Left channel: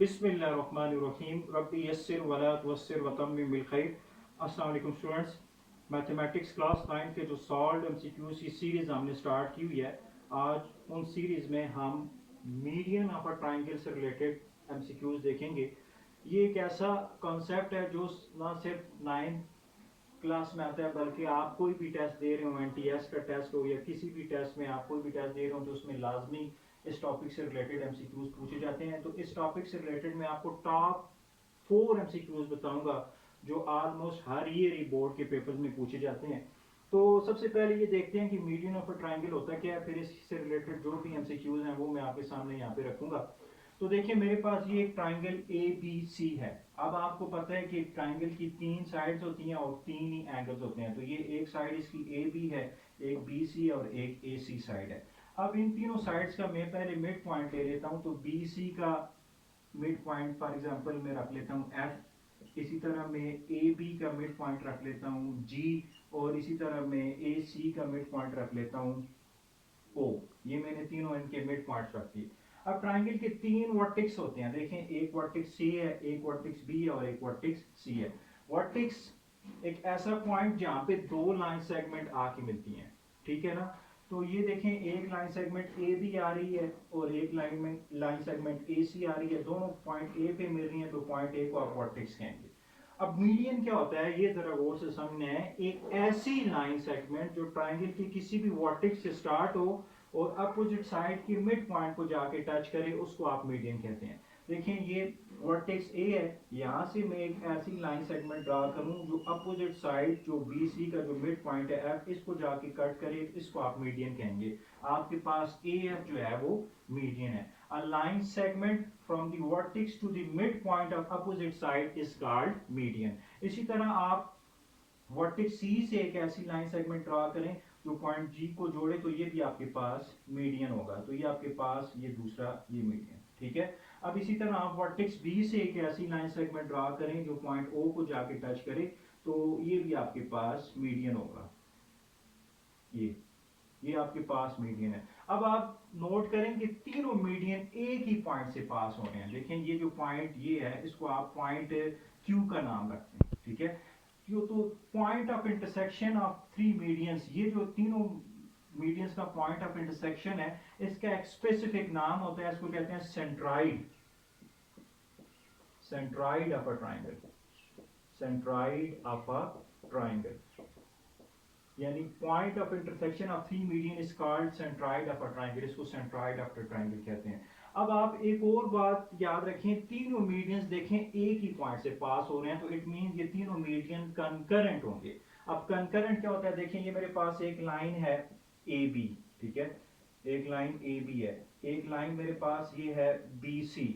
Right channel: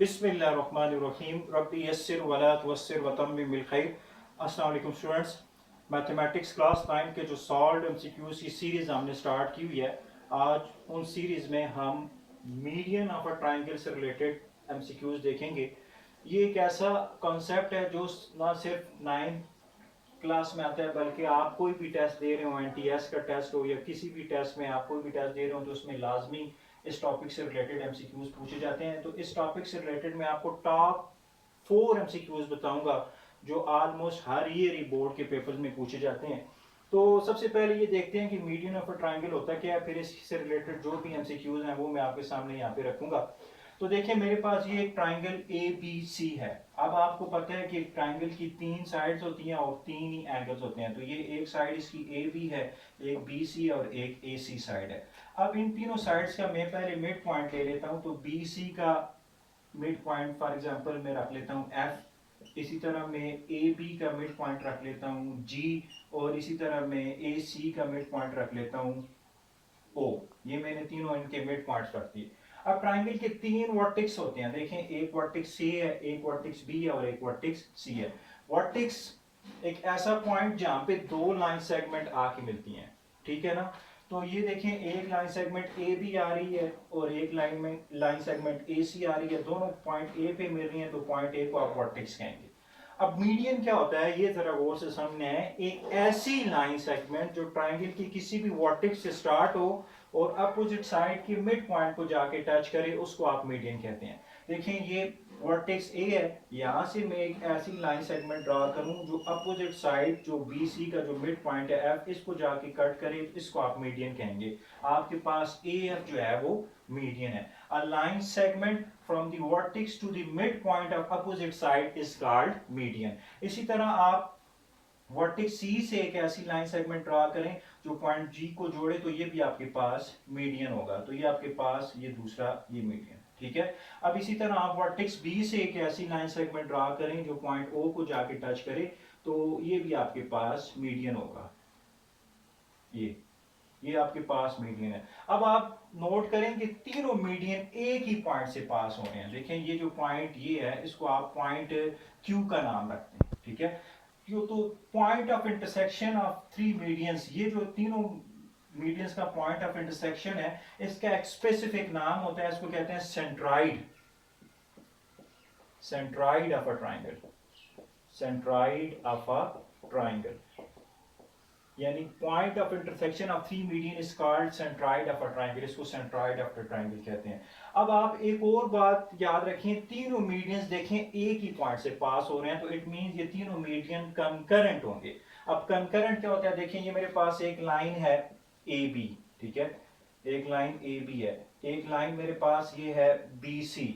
बिस्मिल्लाहिर्रहमानिर्रहीम रब्बी यस्सिर वला तुअस्सिर वतम्मिम बिल खैर। अस्सलाम वालेकुम स्टूडेंट्स, मैथमेटिक्स क्लास 9 के जो सॉल्व्ड एमसीक्यूज की सीरीज़ हमने स्टार्ट की हुई है। आज उन सीरीज़ में हम मीडियन ऑफ अ ट्रायंगल से रिलेटेड एमसीक्यूज देखेंगे। ये एक ऐसा कॉन्सेप्ट है जो ना सिर्फ 9 क्लास में आता है, बल्कि आप कोई भी टेस्ट दे रहे हो, एनटीएस का टेस्ट हो या किसी भी टेस्ट में आप कोई भी टेस्ट दे रहे हो, तो उसमें लाजमी इस टॉपिक से रिलेटेड एमसीक्यूज पूछे जाते हैं। तो इस टॉपिक से रिलेटेड मैं आपको टॉप 4 एमसीक्यूज बताऊंगा जो ऑलमोस्ट हर ईयर बोर्ड के पेपर्स में पूछे जाते हैं। तो सबसे पहले ये देखते हैं कि मीडियन ऑफ अ ट्रायंगल होता क्या है, फिर इससे रिलेटेड जो भी एमसीक्यूज हैं वो मैं आपके सामने यहाँ पे रखूंगा। तो देखिए मेरे पास ये एक ट्राइंगल ए बी सी है। अब आपको पता है कि ट्राइंगल की 3 साइड्स होती हैं और 3 ही एंगल्स होते हैं। तो ये एक साइड इसकी ए बी है, एक बी सी और एक ए सी साइड है। अब इन तीनों साइड्स का मैं पहले मिड पॉइंट ले लेता हूँ। तो बी सी का मिड पॉइंट फॉर एग्जांपल मैं रख लेता हूँ एफ। इसी तरह मैं ए बी का मिड पॉइंट रख लेता हूँ जी, और इसी तरह मैं ए सी का मिड पॉइंट रख लेता हूँ ओ। ये मैंने तीनों इनके मिड पॉइंट्स रख दिए। अब ट्राइंगल के 3 वर्टेक्स होते हैं। देखें, एक वर्टेक्स सी है, एक वर्टेक्स बी है और एक वर्टेक्स सी है। वर्टेक्स एक ऐसा पॉइंट जहां पे दो लाइन सेगमेंट आके मिलती हैं, ठीक है ना। तो ये देखें, एक लाइन सेगमेंट ए बी आ रही है और एक लाइन सेगमेंट ए सी आ रही है। दोनों पॉइंट ए पे मिल रही हैं, तो पॉइंट ए को आप वर्टेक्स कहेंगे। अब मीडियन क्या होता है, ये जरा गौर से सामने है। एक ऐसी लाइन सेगमेंट जो ट्राइंगल की किसी भी वर्टेक्स से स्टार्ट हो और अपोजिट साइड के मिड पॉइंट को जाके टच करे, उसको आप मीडियन कहते हैं। देखिए ये वर्टेक्स ए है, यहां से मैं एक ऐसी लाइन सेगमेंट ड्रा करूं जो अपोजिट साइड जो बी सी का जो मिड पॉइंट है एफ, इसको जाके कट करे, तो इसको आप मीडियन कहेंगे। आपके पास ए एफ जो है वो मीडियन है। A line segment from the vertex to the mid point of opposite side is called median. इसी तरह आप वर्टेक्स सी से एक ऐसी लाइन सेगमेंट ड्रा करें जो पॉइंट जी को जोड़े, तो ये भी आपके पास मीडियन होगा। तो ये आपके पास ये दूसरा ये मीडियन, ठीक है। अब इसी तरह आप वर्टेक्स बी से एक ऐसी लाइन सेगमेंट ड्रा करें जो पॉइंट ओ को जाके टच करे, तो ये भी आपके पास मीडियन होगा। ये आपके पास मीडियन है। अब आप नोट करें कि तीनों मीडियन एक ही पॉइंट से पास हो रहे हैं। देखें ये जो पॉइंट ये है, इसको आप पॉइंट क्यू का नाम रखते हैं, ठीक है। क्यू तो point of intersection of 3 medians, ये जो तीनों मीडियंस का पॉइंट ऑफ इंटरसेक्शन है, इसका एक स्पेसिफिक नाम होता है, इसको कहते हैं centroid. Centroid of a triangle, centroid of a triangle, यानी point of intersection of 3 median is called centroid of a triangle. इसको सेंट्राइड ऑफ अ ट्राइंगल कहते हैं। अब आप एक और बात याद रखें, तीनों मीडियंस देखें एक ही पॉइंट से पास हो रहे हैं, तो इट मींस ये तीनों मीडियन कंकरेंट होंगे। अब कंकरेंट क्या होता है, देखिए ये मेरे पास एक लाइन है ए बी, ठीक है, एक लाइन ए बी है। एक लाइन मेरे पास ये है बी सी,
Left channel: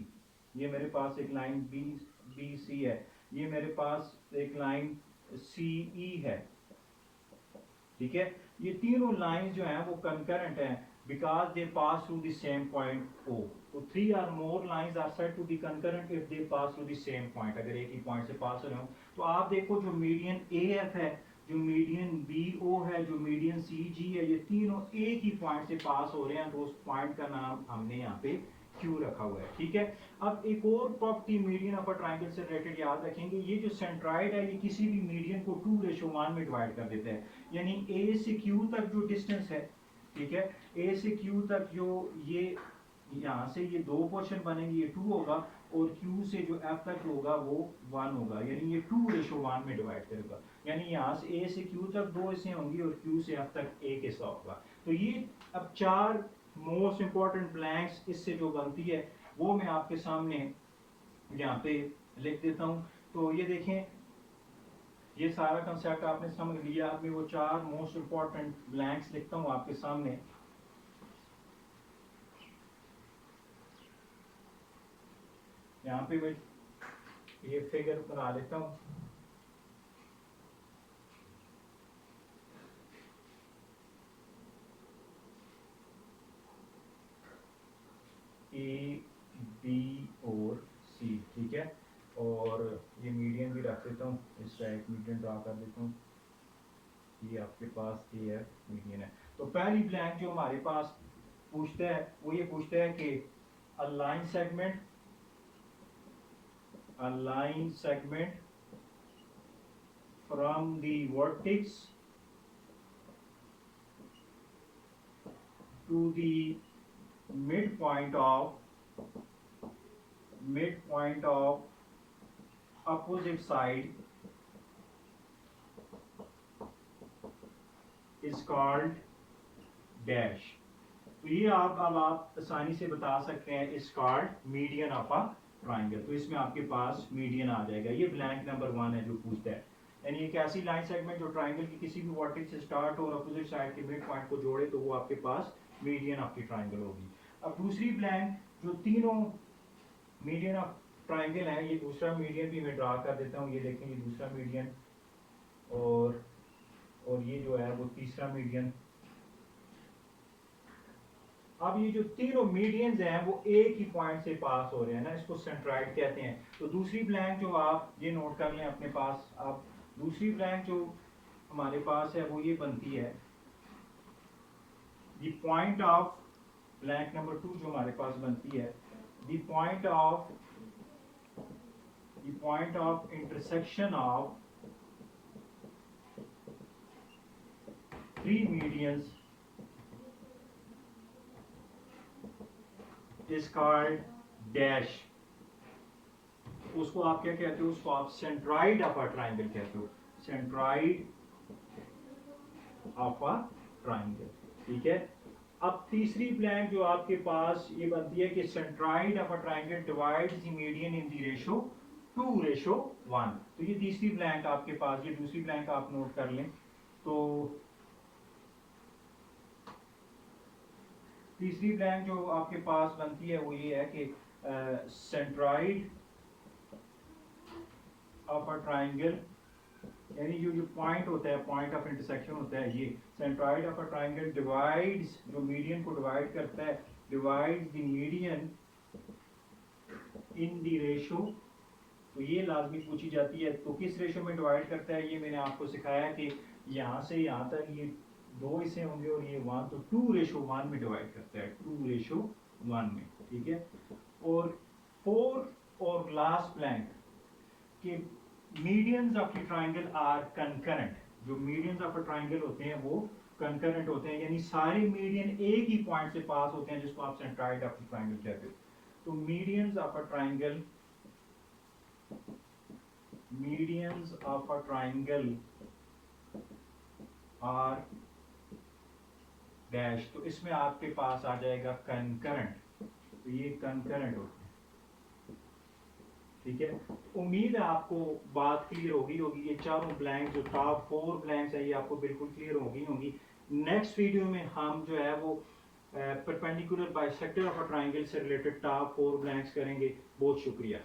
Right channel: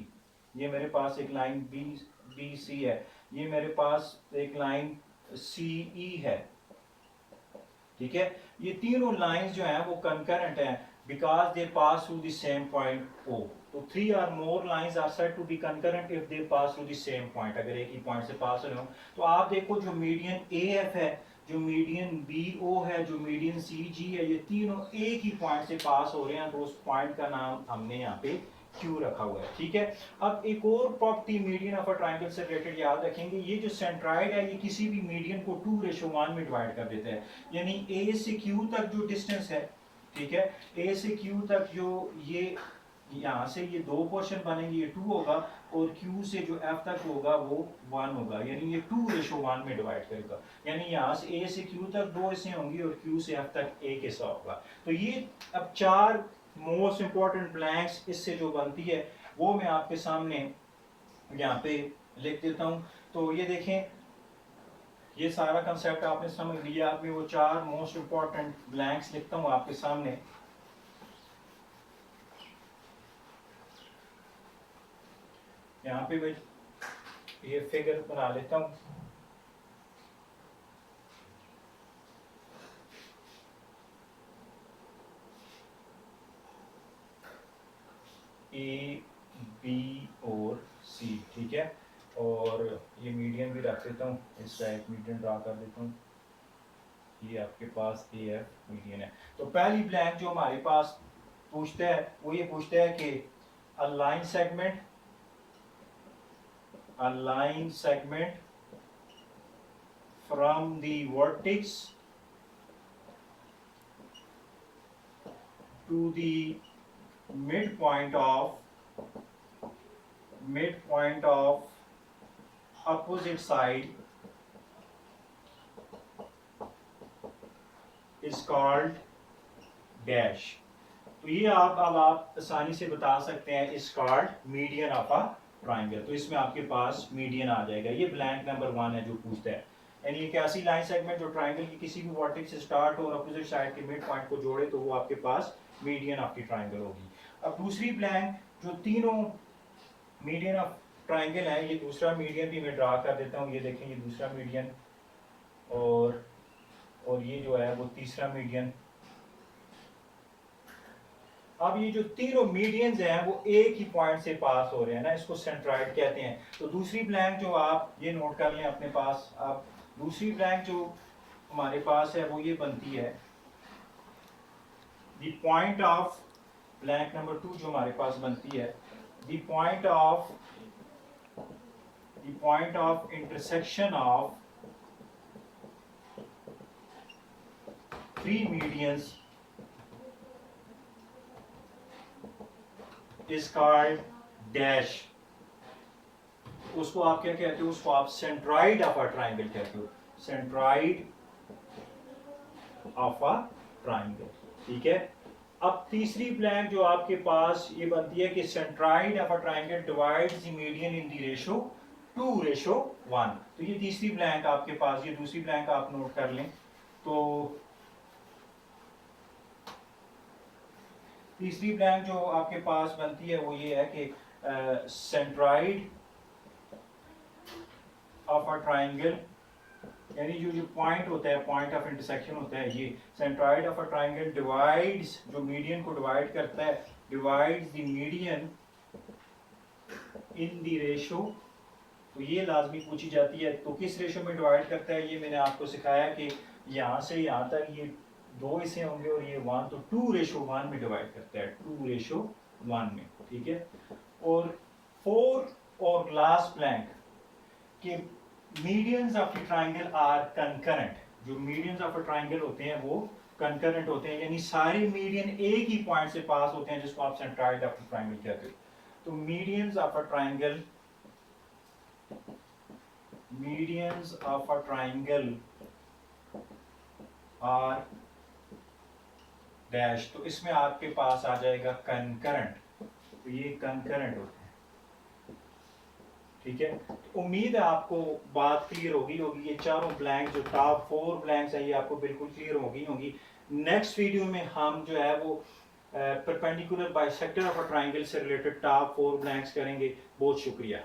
ये मेरे पास एक लाइन बी सी है। ये मेरे पास एक लाइन सी ई है, ठीक है। ये तीनों लाइंस जो हैं वो कंकरेंट हैं because they pass through the same point O. तो 3 और more lines are said to be concurrent if they pass through the same point. अगर एक ही पॉइंट से पास हो रहे हो, तो आप देखो जो मीडियन ए एफ है, जो मीडियन बी ओ है, जो मीडियन सी जी है, ये तीनों एक ही पॉइंट से पास हो रहे हैं, तो उस पॉइंट का नाम हमने यहाँ पे क्यू रखा हुआ है, ठीक है। अब एक और property median of a triangle से रिलेटेड याद रखेंगे, ये जो सेंट्राइड है ये किसी भी मीडियन को 2:1 में डिवाइड कर देता है। यानी ए से क्यू तक जो डिस्टेंस है, ठीक है, ए से क्यू तक जो ये यहाँ से ये दो पोर्शन बनेंगे, ये 2 होगा, और क्यू से जो एफ तक होगा वो 1 होगा। यानी ये 2:1 में डिवाइड करेगा। यानी यहाँ से ए से क्यू तक 2 हिस्से होंगी और क्यू से एफ तक एक हिस्सा होगा। तो ये अब 4 मोस्ट इंपॉर्टेंट ब्लैंक्स इससे जो बनती है वो मैं आपके सामने यहाँ पे लिख देता हूँ। तो ये देखें, ये सारा कंसेप्ट आपने समझ लिया। अब मैं वो 4 मोस्ट इंपॉर्टेंट ब्लैंक्स लिखता हूँ आपके सामने। यहाँ पे मैं ये फिगर बना लेता हूँ। ए बी और सी, ठीक है, और ये मीडियन भी रख देता हूँ, इसका एक मीडियन ड्रा कर देता हूँ। ये आपके पास ए एफ मीडियन है। तो पहली ब्लैंक जो हमारे पास पूछता है वो ये पूछता है कि अ line segment a line segment from the vertex to the midpoint of opposite side is called dash. तो ये अब आप आसानी से बता सकते हैं इस called median of a triangle. तो इसमें आपके पास मीडियन आ जाएगा। ये ब्लैंक नंबर 1 है जो पूछता है, यानी एक ऐसी लाइन सेगमेंट जो ट्राइंगल की किसी भी वर्टेक्स से स्टार्ट और अपोजिट साइड के मिड पॉइंट को जोड़े तो वो आपके पास मीडियन ऑफ द ट्राइंगल होगी। अब दूसरी ब्लैंक जो तीनों मीडियन ऑफ ट्राइंगल है, ये दूसरा मीडियन भी मैं ड्रा कर देता हूँ। ये देखें, ये दूसरा मीडियन और ये जो है वो तीसरा मीडियन। अब ये जो तीनों मीडियंस हैं वो एक ही पॉइंट से पास हो रहे हैं ना, इसको सेंट्राइड कहते हैं। तो दूसरी ब्लैंक जो आप ये नोट कर लें अपने पास, अब दूसरी ब्लैंक जो हमारे पास है वो ये बनती है the point of blank number 2 जो हमारे पास बनती है the point of intersection of three medians is called dash। उसको आप क्या कहते हो? उसको आप सेंट्राइड ऑफ अ ट्राइंगल कहते हो, सेंट्राइड ऑफ अ ट्राइंगल। ठीक है। अब तीसरी ब्लैंक जो आपके पास ये बनती है कि centroid of a triangle divides the median in the ratio 2:1। तो ये तीसरी ब्लैंक आपके पास, ये दूसरी ब्लैंक आप नोट कर लें। तो तीसरी ब्लैंक जो आपके पास बनती है वो ये है कि सेंट्राइड ऑफ अ ट्राइंगल, यानी जो पॉइंट होता है, पॉइंट ऑफ इंटरसेक्शन होता है, ये centroid of a triangle divides, जो मीडियन को डिवाइड करता है, divides the median in the ratio. तो ये लाजमी पूछी जाती है, तो किस रेशो में डिवाइड करता है? ये मैंने आपको सिखाया कि यहाँ से यहाँ तक ये 2 हिस्से होंगे और ये 1, तो 2:1 में डिवाइड करता है, 2:1 में। ठीक है। और 4 और लास्ट ब्लैंक के medians of the triangle are concurrent. जो मीडियंस ऑफ अ ट्राइंगल होते हैं वो कंकरेंट होते हैं, यानी सारे मीडियन एक ही पॉइंट से पास होते हैं, जिसको आप सेंट्राइड ऑफ द ट्राइंगल कहते हो। तो medians of a triangle are dash. तो इसमें आपके पास आ जाएगा कंकरेंट। तो ये कंकरेंट होते हैं। ठीक है। तो उम्मीद है आपको बात क्लियर होगी। ये चारों ब्लैंक जो टॉप 4 ब्लैंक्स हैं ये आपको बिल्कुल क्लियर होगी। नेक्स्ट वीडियो में हम जो है वो perpendicular bisector of a triangle से रिलेटेड टॉप 4 ब्लैंक्स करेंगे। बहुत शुक्रिया।